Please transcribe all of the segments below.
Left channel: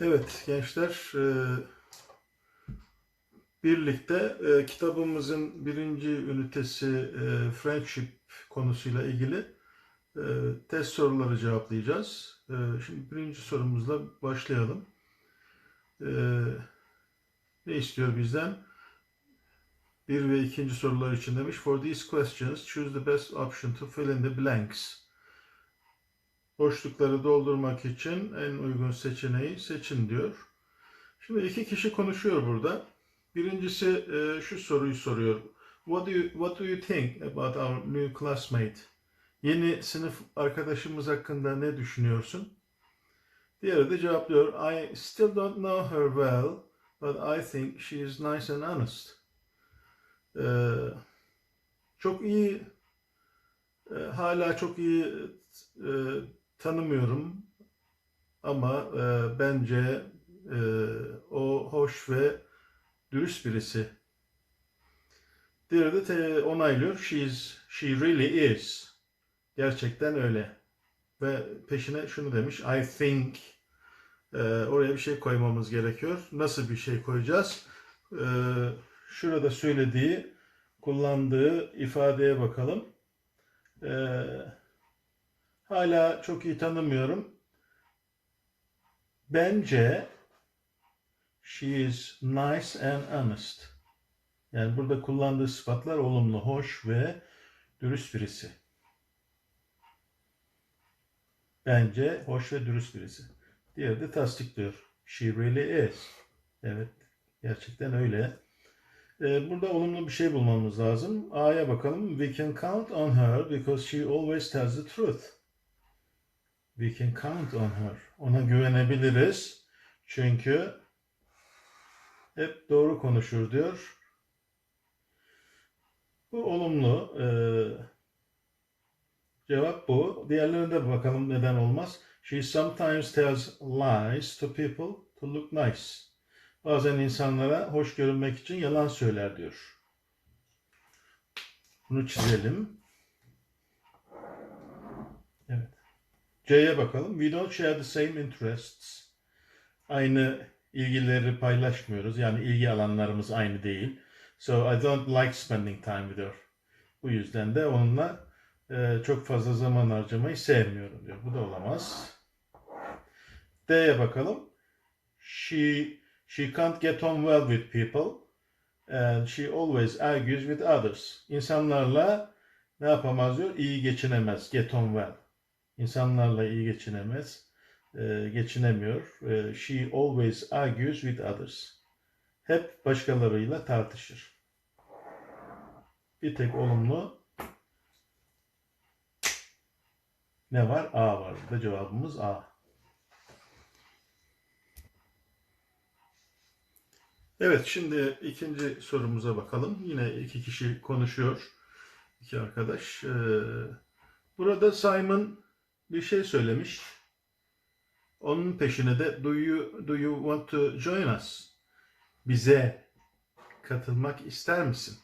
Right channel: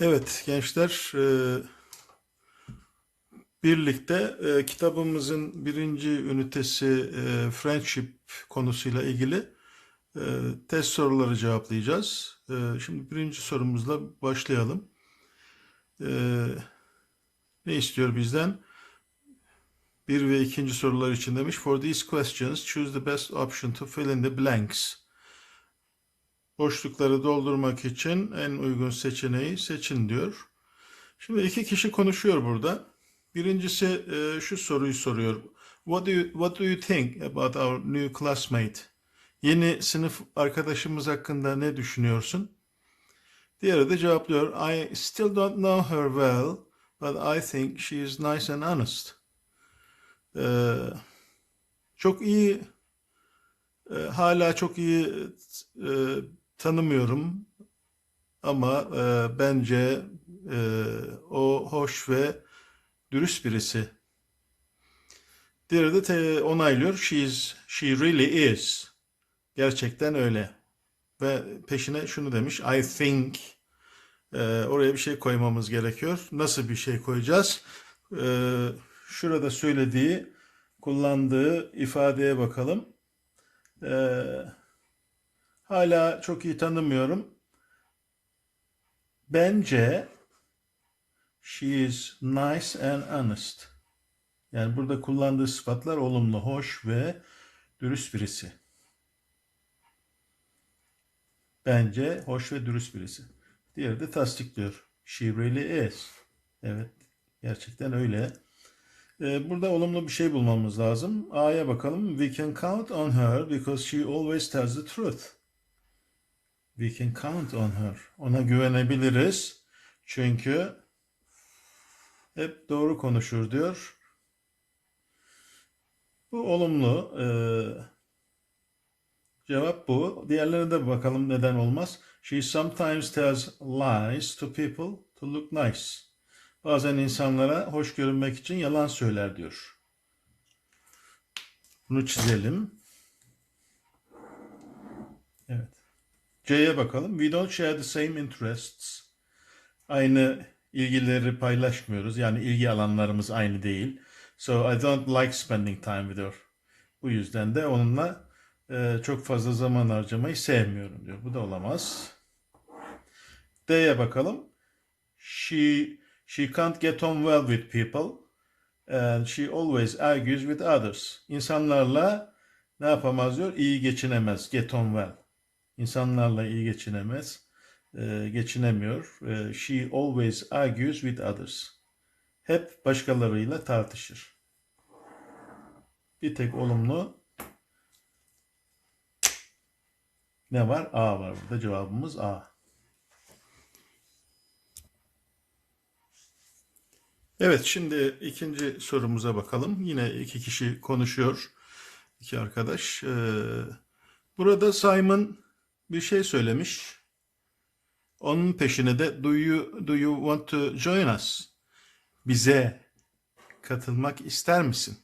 Evet gençler e, birlikte e, kitabımızın birinci ünitesi e, friendship konusuyla ilgili test soruları cevaplayacağız. Şimdi birinci sorumuzla başlayalım. Ne istiyor bizden? Bir ve ikinci sorular için demiş. For these questions choose the best option to fill in the blanks. Boşlukları doldurmak için en uygun seçeneği seçin diyor. Şimdi iki kişi konuşuyor burada. Birincisi e, şu soruyu soruyor. What do you, what do you think about our new classmate? Yeni sınıf arkadaşımız hakkında ne düşünüyorsun? Diğeri de cevaplıyor. I still don't know her well, but I think she is nice and honest. Ee, çok iyi, e, hala çok iyi e, tanımıyorum ama e, bence e, o hoş ve dürüst birisi. Diğeri de te- onaylıyor. She is, she really is. Gerçekten öyle. Ve peşine şunu demiş. I think. E, oraya bir şey koymamız gerekiyor. Nasıl bir şey koyacağız? E, şurada söylediği, kullandığı ifadeye bakalım. E, hala çok iyi tanımıyorum. Bence she is nice and honest. Yani burada kullandığı sıfatlar olumlu, hoş ve dürüst birisi. Bence hoş ve dürüst birisi. Diğeri de tasdikliyor. She really is. Evet, gerçekten öyle. Ee, Burada olumlu bir şey bulmamız lazım. A'ya bakalım. We can count on her because she always tells the truth. We can count on her. Ona güvenebiliriz. Çünkü hep doğru konuşur diyor. Bu olumlu. Ee, cevap bu. Diğerlerine de bakalım neden olmaz. She sometimes tells lies to people to look nice. Bazen insanlara hoş görünmek için yalan söyler diyor. Bunu çizelim. C'ye bakalım. We don't share the same interests. Aynı ilgileri paylaşmıyoruz. Yani ilgi alanlarımız aynı değil. So I don't like spending time with her. Bu yüzden de onunla e, çok fazla zaman harcamayı sevmiyorum diyor. Bu da olamaz. D'ye bakalım. She she can't get on well with people and she always argues with others. İnsanlarla ne yapamaz diyor? İyi geçinemez. Get on well. İnsanlarla iyi geçinemez. e, geçinemiyor. E, she always argues with others. Hep başkalarıyla tartışır. Bir tek olumlu ne var? A var. Burada cevabımız A. Evet, şimdi ikinci sorumuza bakalım. Yine iki kişi konuşuyor. iki arkadaş. Ee, burada Simon bir şey söylemiş. Onun peşine de do you, do you want to join us? Bize katılmak ister misin?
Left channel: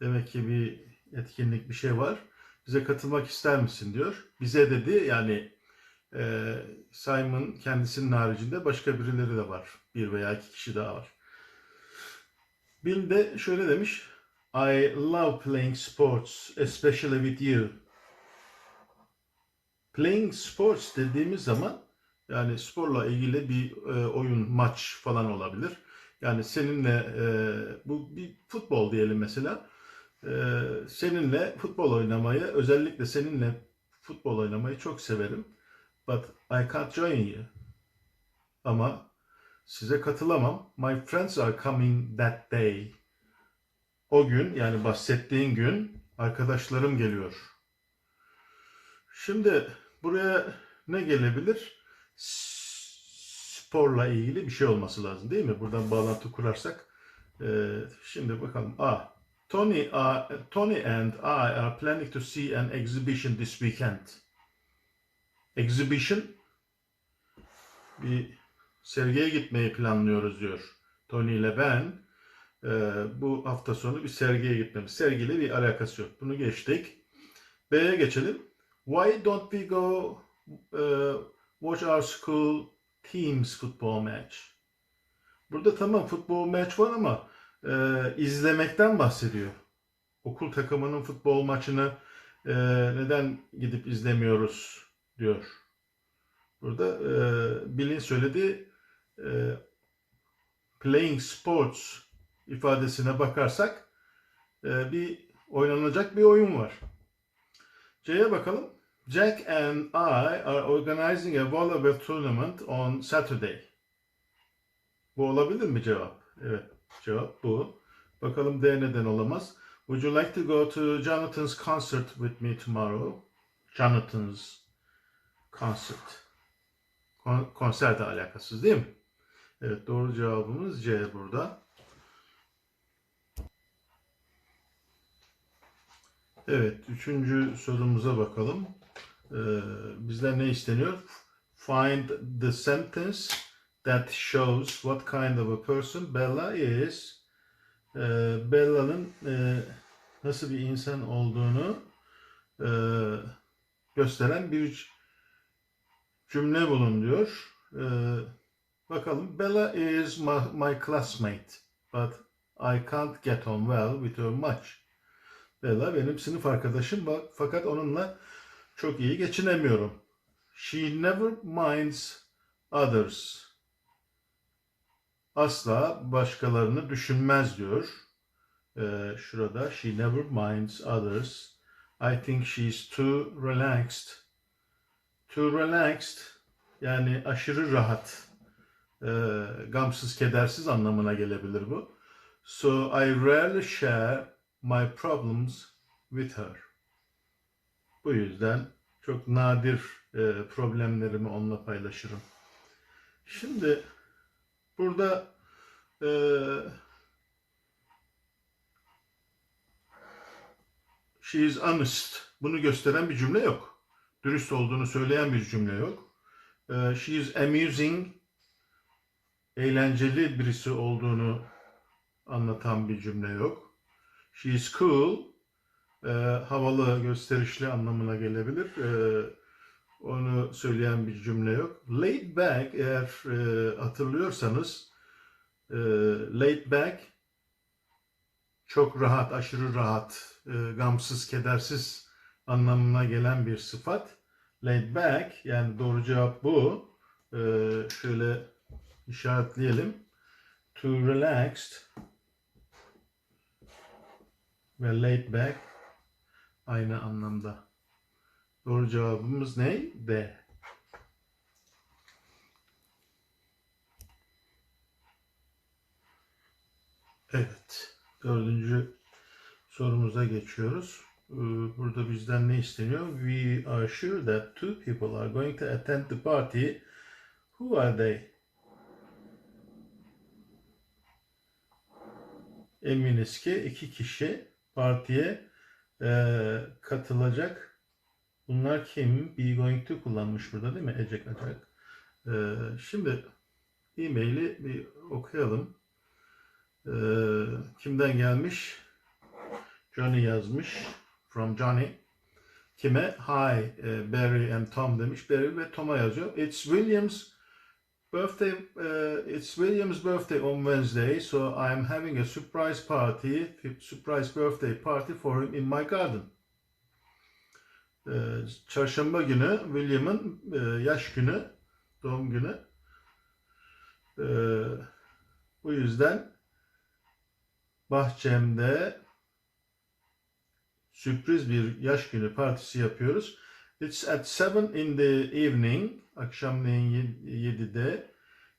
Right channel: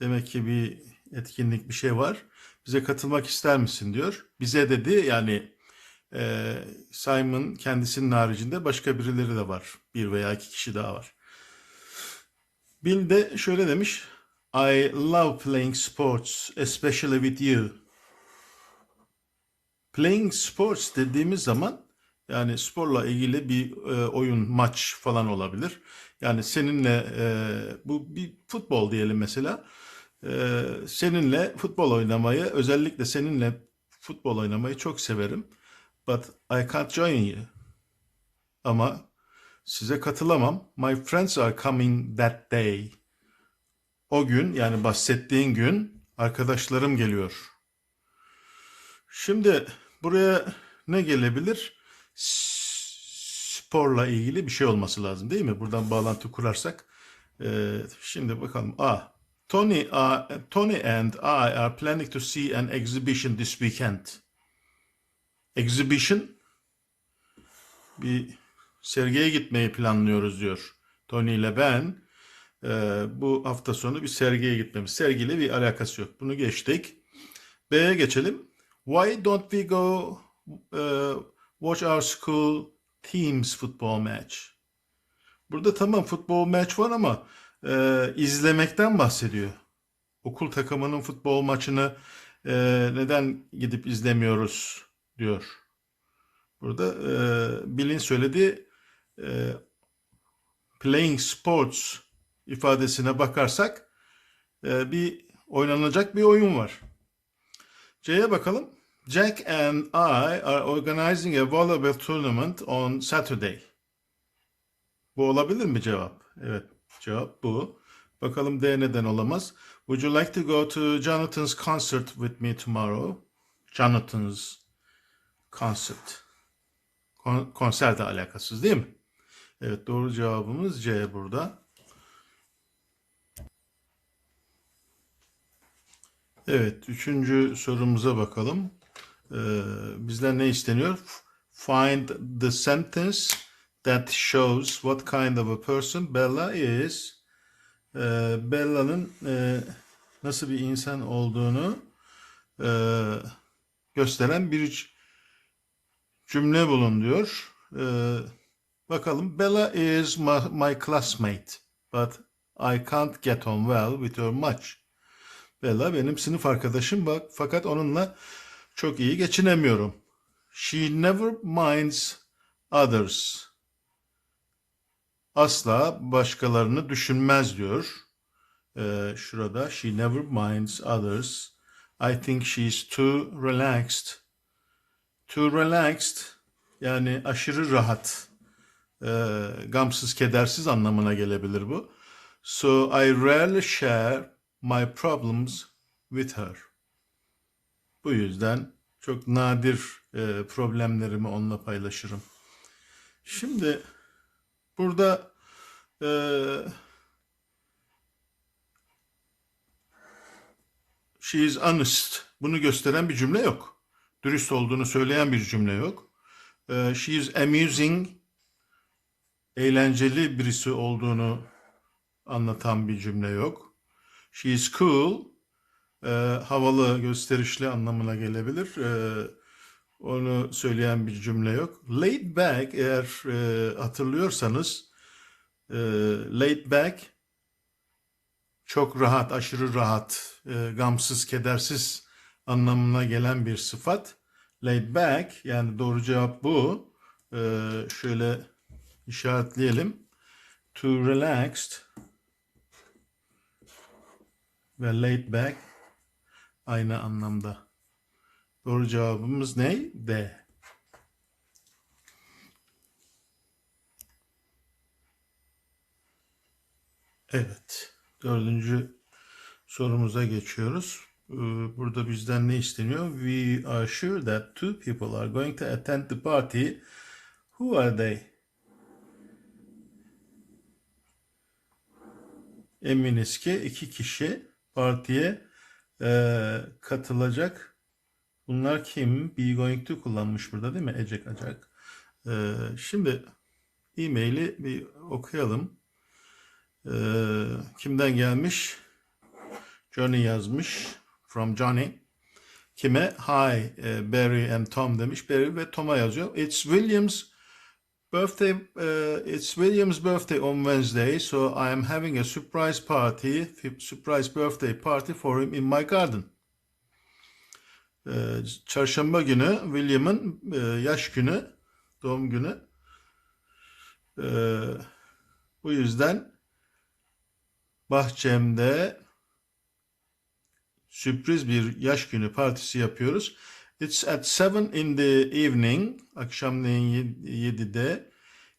Demek ki bir etkinlik bir şey var. Bize katılmak ister misin diyor. Bize dedi yani e, Simon kendisinin haricinde başka birileri de var. Bir veya iki kişi daha var. Bill de şöyle demiş. I love playing sports, especially with you. Playing sports dediğimiz zaman yani sporla ilgili bir e, oyun, maç falan olabilir. Yani seninle e, bu bir futbol diyelim mesela. E, seninle futbol oynamayı, özellikle seninle futbol oynamayı çok severim. But I can't join you. Ama size katılamam. My friends are coming that day. O gün yani bahsettiğin gün arkadaşlarım geliyor. Şimdi buraya ne gelebilir? Sporla ilgili bir şey olması lazım değil mi? Buradan bağlantı kurarsak. Ee, şimdi bakalım. A. Tony, uh, Tony and I are planning to see an exhibition this weekend. Exhibition bir sergiye gitmeyi planlıyoruz diyor. Tony ile ben e, bu hafta sonu bir sergiye gitmemiz. Sergiyle bir alakası yok. Bunu geçtik. B'ye geçelim. Why don't we go uh, watch our school team's football match. Burada tamam futbol maç var ama e, izlemekten bahsediyor. Okul takımının futbol maçını e, neden gidip izlemiyoruz diyor. Burada e, Bill'in söylediği e, playing sports ifadesine bakarsak e, bir oynanacak bir oyun var. C'ye bakalım. Jack and I are organizing a volleyball tournament on Saturday. Bu olabilir mi cevap? Evet, cevap bu. Bakalım D neden olamaz. Would you like to go to Jonathan's concert with me tomorrow? Jonathan's concert. Kon- konserle alakasız değil mi? Evet, doğru cevabımız C burada. Evet, üçüncü sorumuza bakalım. Ee, bizden ne isteniyor? Find the sentence that shows what kind of a person Bella is. Ee, Bella'nın e, nasıl bir insan olduğunu e, gösteren bir cümle bulun diyor. Ee, bakalım. Bella is my, my classmate, but I can't get on well with her much. Bella benim sınıf arkadaşım bak fakat onunla çok iyi geçinemiyorum. She never minds others. Asla başkalarını düşünmez diyor. Ee, şurada she never minds others. I think she's too relaxed. Too relaxed yani aşırı rahat. Ee, gamsız kedersiz anlamına gelebilir bu. So I rarely share my problems with her. Bu yüzden çok nadir e, problemlerimi onunla paylaşırım. Şimdi burada e, she is honest. Bunu gösteren bir cümle yok. Dürüst olduğunu söyleyen bir cümle yok. E, she is amusing. Eğlenceli birisi olduğunu anlatan bir cümle yok. She is cool. E, havalı, gösterişli anlamına gelebilir. E, onu söyleyen bir cümle yok. Laid back eğer e, hatırlıyorsanız e, laid back çok rahat, aşırı rahat, e, gamsız, kedersiz anlamına gelen bir sıfat. Laid back yani doğru cevap bu. E, şöyle işaretleyelim. To relaxed ve laid back aynı anlamda. Doğru cevabımız ne? D. Evet. Dördüncü sorumuza geçiyoruz. Ee, Burada bizden ne isteniyor? We are sure that two people are going to attend the party. Who are they? Eminiz ki iki kişi partiye e, katılacak. Bunlar kim? Be going to kullanmış burada değil mi? Ecek acak. E, şimdi e-maili bir okuyalım. E, kimden gelmiş? Johnny yazmış. From Johnny. Kime? Hi e, Barry and Tom demiş. Barry ve Tom'a yazıyor. It's William's birthday. uh, it's William's birthday on Wednesday, so I am having a surprise party, surprise birthday party for him in my garden. Ee, Çarşamba günü William'ın e, yaş günü, doğum günü. Ee, bu yüzden bahçemde sürpriz bir yaş günü partisi yapıyoruz. It's at 7 in the evening, akşamleyin 7'de.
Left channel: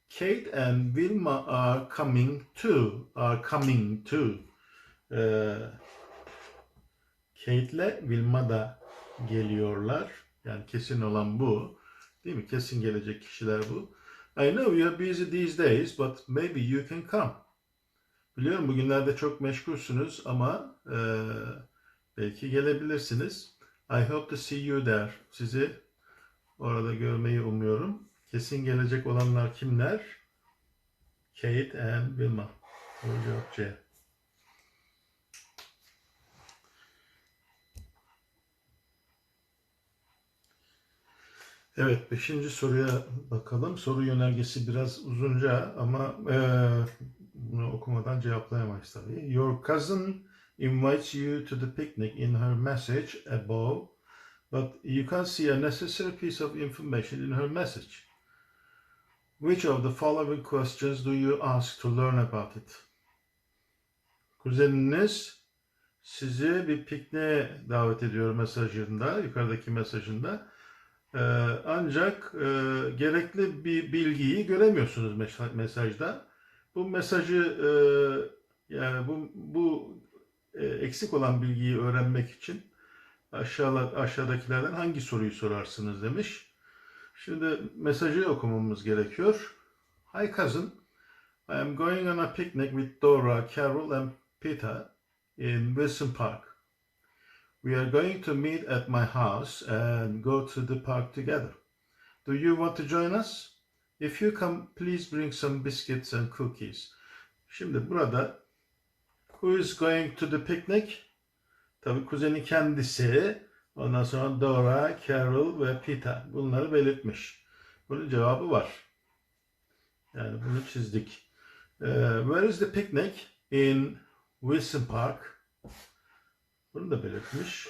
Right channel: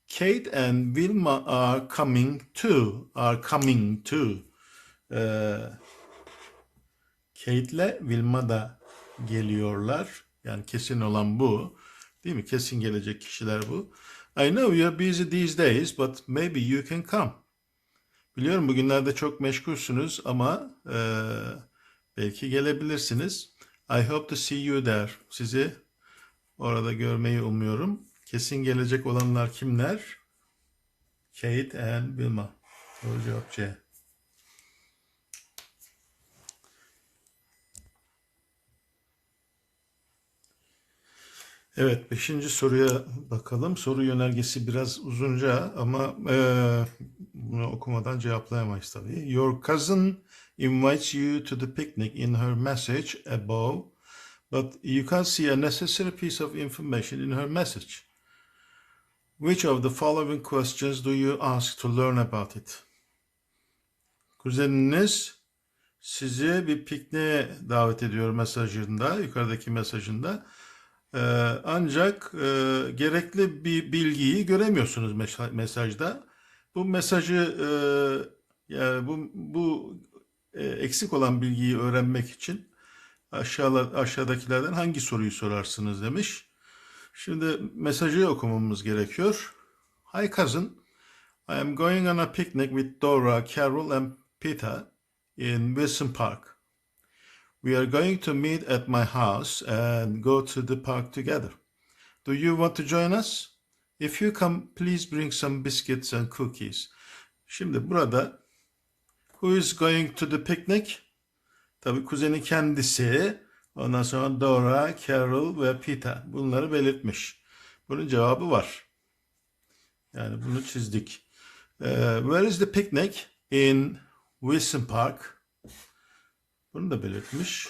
Kate and Wilma are coming too, are coming too. Ee, Kate ile Wilma da geliyorlar. Yani kesin olan bu. Değil mi? Kesin gelecek kişiler bu. I know you're busy these days, but maybe you can come. Biliyorum bugünlerde çok meşgulsünüz ama e, belki gelebilirsiniz. I hope to see you there. Sizi orada görmeyi umuyorum. Kesin gelecek olanlar kimler? Kate and Wilma. Doğru cevap C. Evet, beşinci soruya bakalım. Soru yönergesi biraz uzunca ama eee, bunu okumadan cevaplayamayız tabii. Your cousin invites you to the picnic in her message above, but you can't see a necessary piece of information in her message. Which of the following questions do you ask to learn about it? Kuzeniniz sizi bir pikniğe davet ediyor mesajında, yukarıdaki mesajında. Ee, ancak e, gerekli bir bilgiyi göremiyorsunuz mes- mesajda. Bu mesajı e, yani bu bu eksik olan bilgiyi öğrenmek için aşağıda aşağıdakilerden hangi soruyu sorarsınız demiş. Şimdi mesajı okumamız gerekiyor. Hi cousin, I am going on a picnic with Dora, Carol and Peter in Wilson Park. We are going to meet at my house and go to the park together. Do you want to join us? If you come, please bring some biscuits and cookies. Şimdi burada who is going to the picnic? Tabii kuzeni kendisi. Ondan sonra Dora, Carol ve Peter. Bunları belirtmiş. Bunun cevabı var. Yani bunu çizdik. Ee, where is the picnic? In Wilson Park. Bunu da belirtmiş.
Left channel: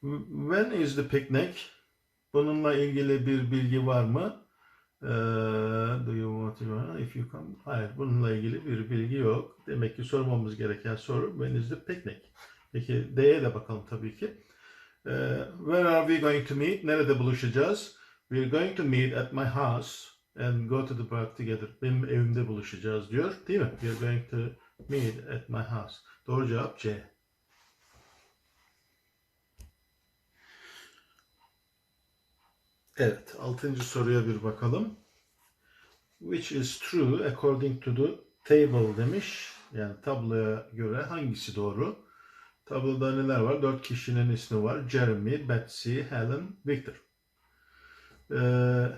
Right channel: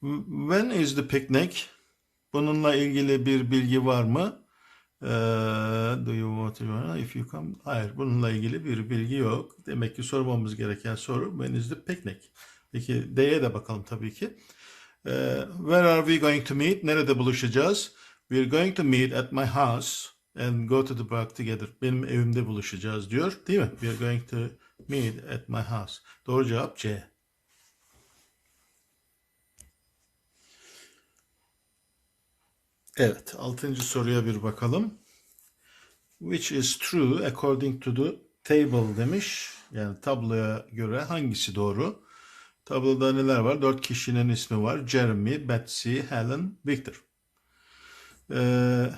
When is the picnic? Bununla ilgili bir bilgi var mı? Do you want to join? If you come. Hayır, bununla ilgili bir bilgi yok. Demek ki sormamız gereken soru the picnic? Peki D'ye de bakalım tabii ki. Ee, where are we going to meet? Nerede buluşacağız? We're going to meet at my house and go to the park together. Benim evimde buluşacağız diyor. Değil mi? We're going to meet at my house. Doğru cevap C. Evet, altıncı soruya bir bakalım. Which is true according to the table demiş. Yani tabloya göre hangisi doğru? Tabloda neler var? Dört kişinin ismi var. Jeremy, Betsy, Helen, Victor. Ee,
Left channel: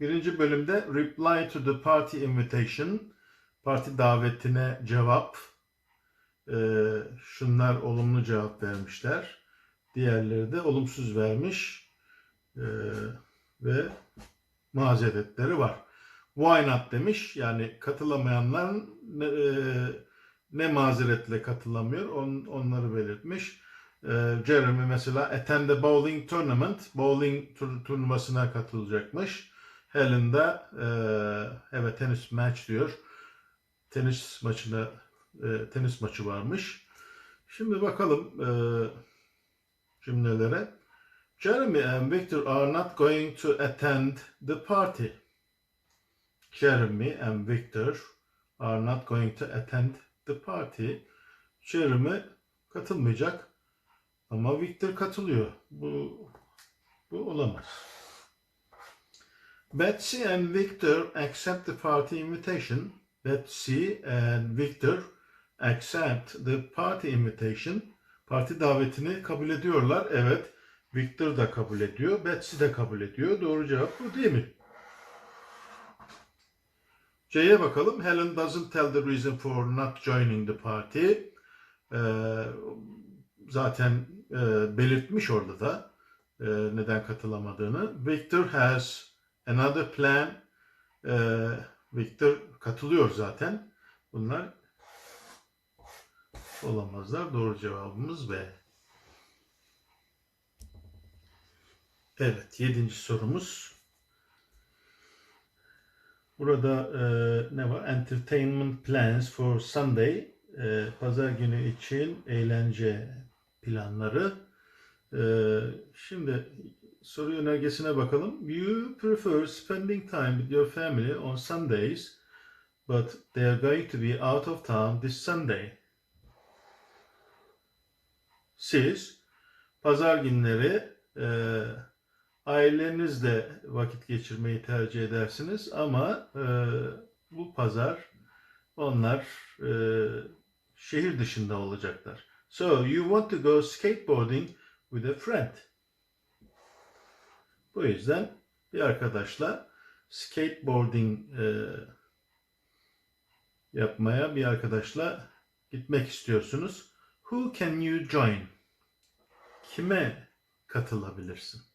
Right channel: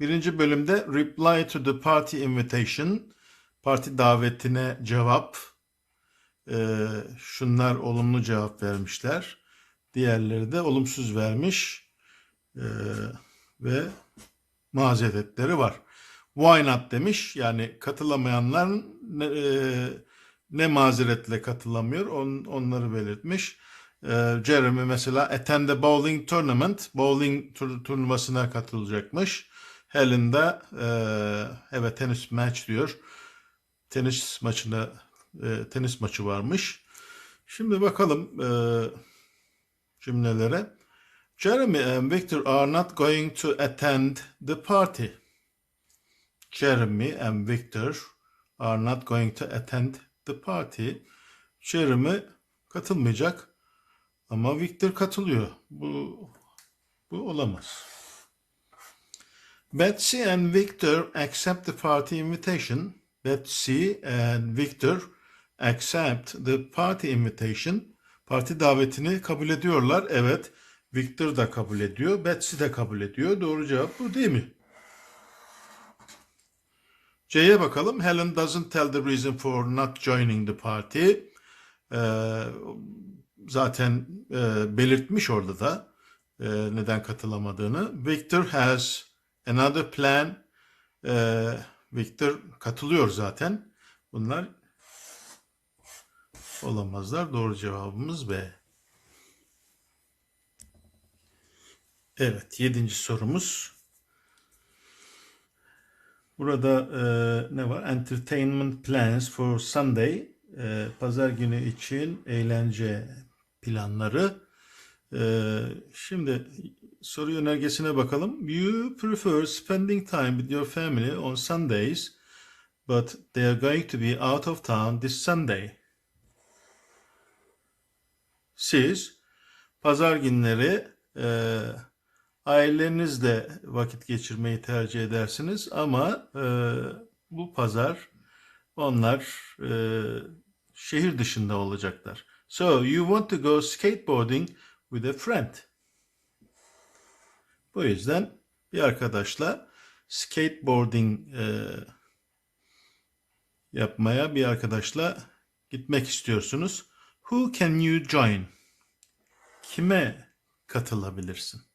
birinci bölümde reply to the party invitation. Parti davetine cevap. Ee, şunlar olumlu cevap vermişler. Diğerleri de olumsuz vermiş. Ee, ve mazeretleri var. Why not demiş. Yani katılamayanlar ne, e, ne mazeretle katılamıyor on, onları belirtmiş. Ee, Jeremy mesela attend the bowling tournament. Bowling tur- turnuvasına katılacakmış. Helen de e, evet tenis match diyor. Tenis maçına e, tenis maçı varmış. Şimdi bakalım e, cümlelere. Jeremy and Victor are not going to attend the party. Jeremy and Victor are not going to attend the party. Jeremy katılmayacak ama Victor katılıyor. Bu bu olamaz. Betsy and Victor accept the party invitation. Betsy and Victor accept the party invitation. Parti davetini kabul ediyorlar. Evet. Victor da kabul ediyor. Betsy de kabul ediyor. Doğru cevap bu değil mi? C'ye bakalım. Helen doesn't tell the reason for not joining the party. Ee, zaten e, belirtmiş orada da e, neden katılamadığını. Victor has another plan. Ee, Victor katılıyor zaten. Bunlar olamazlar. Doğru cevabımız B. Evet, yedinci sorumuz. Burada e, ne var? Entertainment plans for Sunday. E, Pazar günü için eğlence planları. E, şimdi soru yönergesine bakalım. You prefer spending time with your family on Sundays, but they are going to be out of town this Sunday. Siz pazar günleri e, ailenizle vakit geçirmeyi tercih edersiniz ama e, bu pazar onlar e, şehir dışında olacaklar. So you want to go skateboarding with a friend. Bu yüzden bir arkadaşla skateboarding e, yapmaya bir arkadaşla gitmek istiyorsunuz. Who can you join? Kime katılabilirsin?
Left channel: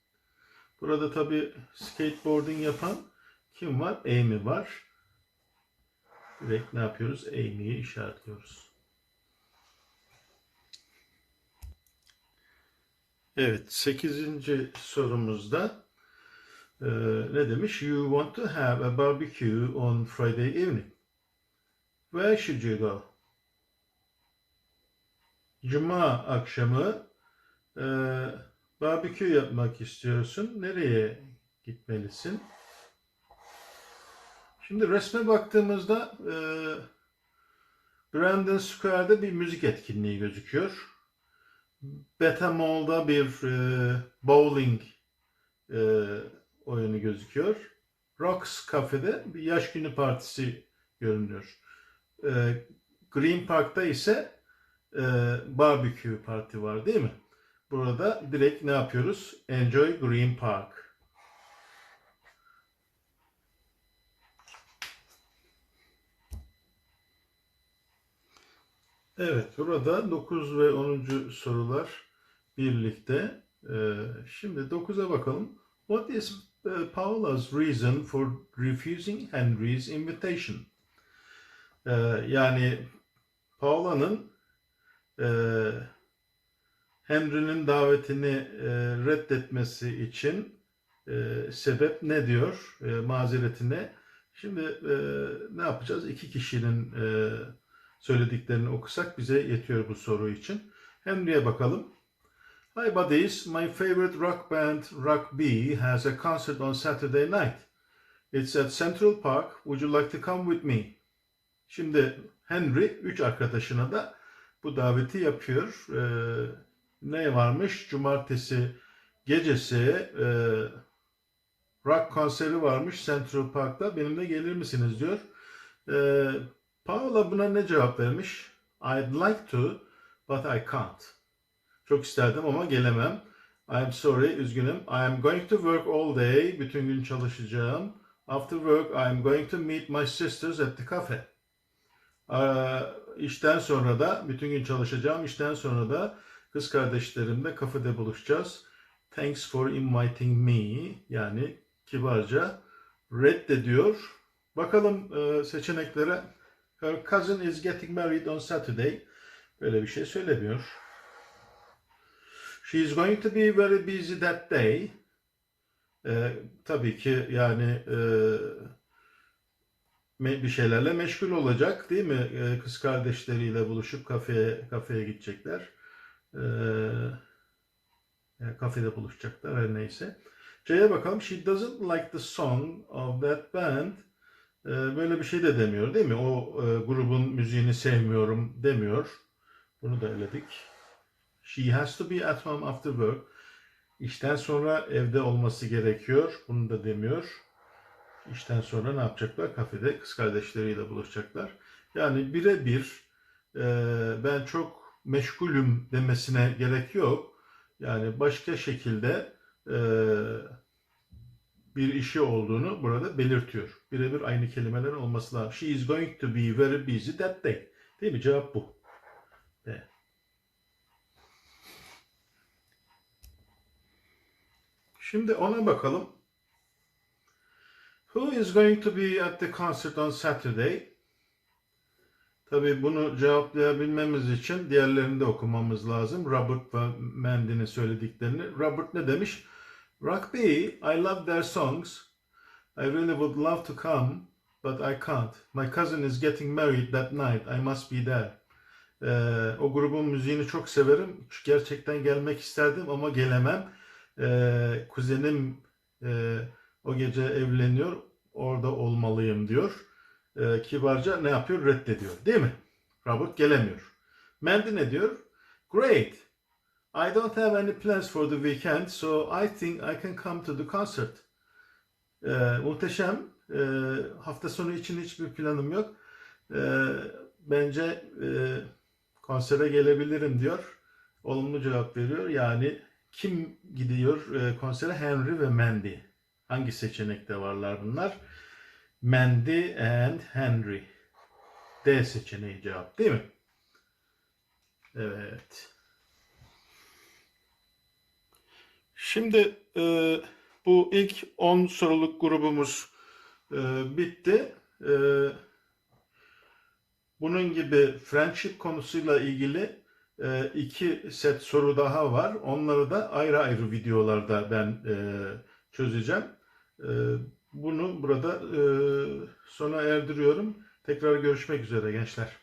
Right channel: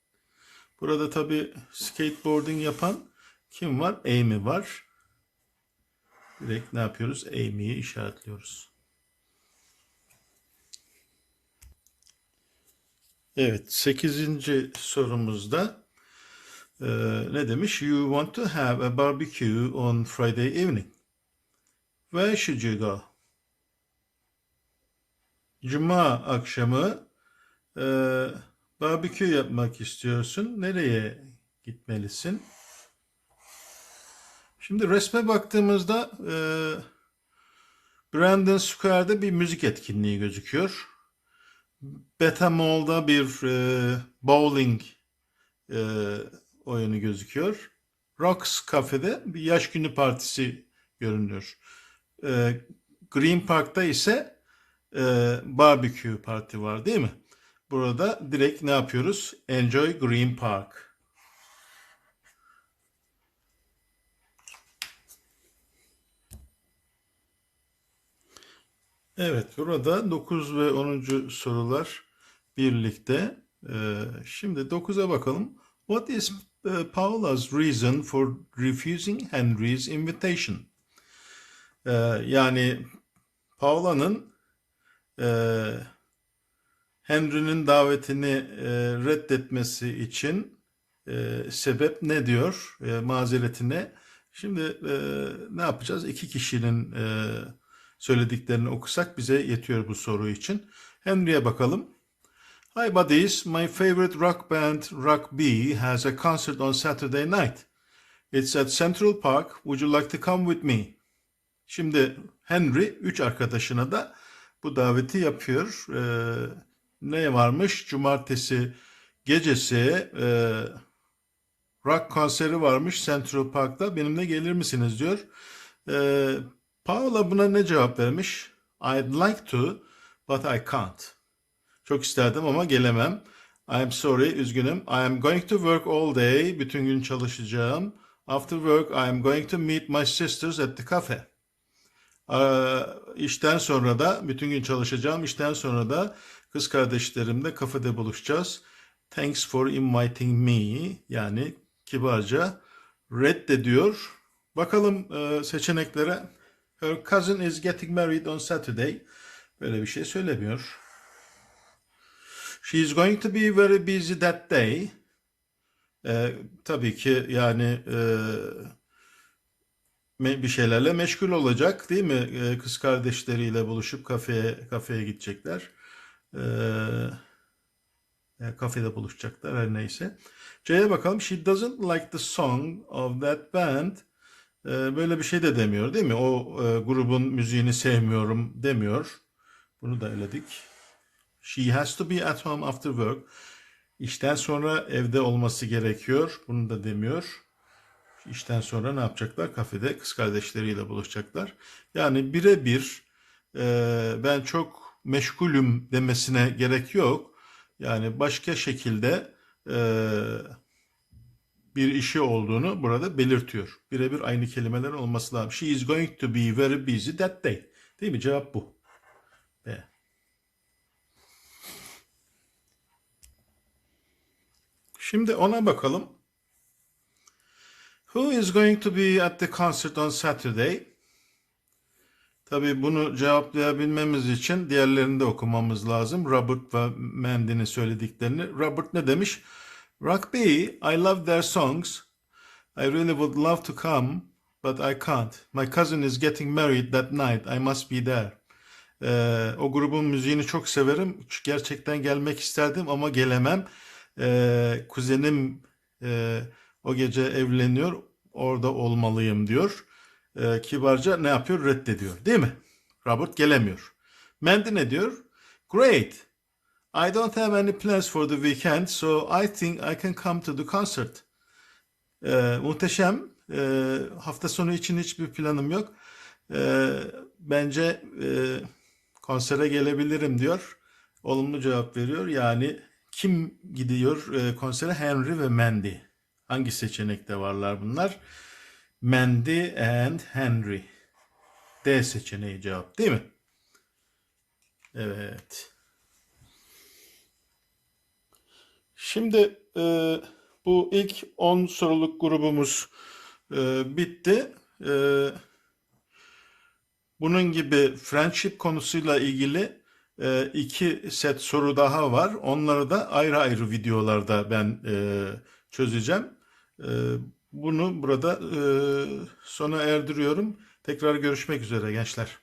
Burada tabi skateboarding yapan kim var? Amy var. Direkt ne yapıyoruz? Amy'yi işaretliyoruz. Evet, 8. sorumuzda e, ne demiş? You want to have a barbecue on Friday evening. Where should you go? Cuma akşamı e, barbekü yapmak istiyorsun. Nereye gitmelisin? Şimdi resme baktığımızda e, Brandon Square'da bir müzik etkinliği gözüküyor. Beta Mall'da bir e, bowling e, oyunu gözüküyor. Rocks Cafe'de bir yaş günü partisi görünüyor. E, Green Park'ta ise e, barbecue parti var değil mi? Burada direkt ne yapıyoruz? Enjoy Green Park. Evet, burada 9 ve 10. sorular birlikte. Ee, şimdi 9'a bakalım. What is uh, Paula's reason for refusing Henry's invitation? Ee, yani Paula'nın e, Henry'nin davetini e, reddetmesi için e, sebep ne diyor? E, mazereti ne? Şimdi ne yapacağız? İki kişinin söylediklerini okusak bize yetiyor bu soru için. Henry'e bakalım. Hi buddies, my favorite rock band Rock B has a concert on Saturday night. It's at Central Park. Would you like to come with me? Şimdi Henry üç arkadaşına da bu daveti yapıyor. Ee, ne varmış? Cumartesi gecesi e, rock konseri varmış Central Park'ta. Benimle gelir misiniz diyor. Ee, Paula buna ne cevap vermiş? I'd like to, but I can't. Çok isterdim ama gelemem. I'm sorry, üzgünüm. I am going to work all day. Bütün gün çalışacağım. After work, I am going to meet my sisters at the cafe. Ee, işten sonra da, bütün gün çalışacağım. İşten sonra da kız kardeşlerimle kafede buluşacağız. Thanks for inviting me. Yani kibarca reddediyor. Bakalım e, seçeneklere. Her cousin is getting married on Saturday. Böyle bir şey söylemiyor. She is going to be very busy that day. Ee, tabii ki yani e, bir şeylerle meşgul olacak değil mi? Ee, kız kardeşleriyle buluşup kafeye kafeye gidecekler. Ee, yani kafede buluşacaklar her neyse. C'ye bakalım. She doesn't like the song of that band. Ee, böyle bir şey de demiyor değil mi? O e, grubun müziğini sevmiyorum demiyor. Bunu da eledik. She has to be at home after work. İşten sonra evde olması gerekiyor. Bunu da demiyor. İşten sonra ne yapacaklar? Kafede kız kardeşleriyle buluşacaklar. Yani birebir e, ben çok meşgulüm demesine gerek yok. Yani başka şekilde e, bir işi olduğunu burada belirtiyor. Birebir aynı kelimeler olması lazım. She is going to be very busy that day. Değil mi? Cevap bu. B. Şimdi ona bakalım. Who is going to be at the concert on Saturday? Tabii bunu cevaplayabilmemiz için diğerlerini de okumamız lazım. Robert ve Mandy'nin söylediklerini. Robert ne demiş? Rock B, I love their songs. I really would love to come, but I can't. My cousin is getting married that night. I must be there. Ee, o grubun müziğini çok severim. Gerçekten gelmek isterdim ama gelemem. Ee, kuzenim e, o gece evleniyor. Orada olmalıyım diyor. Ee, kibarca ne yapıyor? Reddediyor. Değil mi? Robert gelemiyor. Mandy ne diyor? Great. I don't have any plans for the weekend, so I think I can come to the concert. Ee, muhteşem. Ee, hafta sonu için hiçbir planım yok. Ee, bence e, konsere gelebilirim diyor. Olumlu cevap veriyor. Yani kim gidiyor e, konsere? Henry ve Mandy. Hangi seçenekte varlar bunlar? Mandy and Henry. D seçeneği cevap değil mi? Evet. Şimdi e, Bu ilk 10 soruluk grubumuz e, bitti. E, bunun gibi friendship konusuyla ilgili e, iki set soru daha var. Onları da ayrı ayrı videolarda ben e, çözeceğim. E, bunu burada e, sona erdiriyorum. Tekrar görüşmek üzere gençler.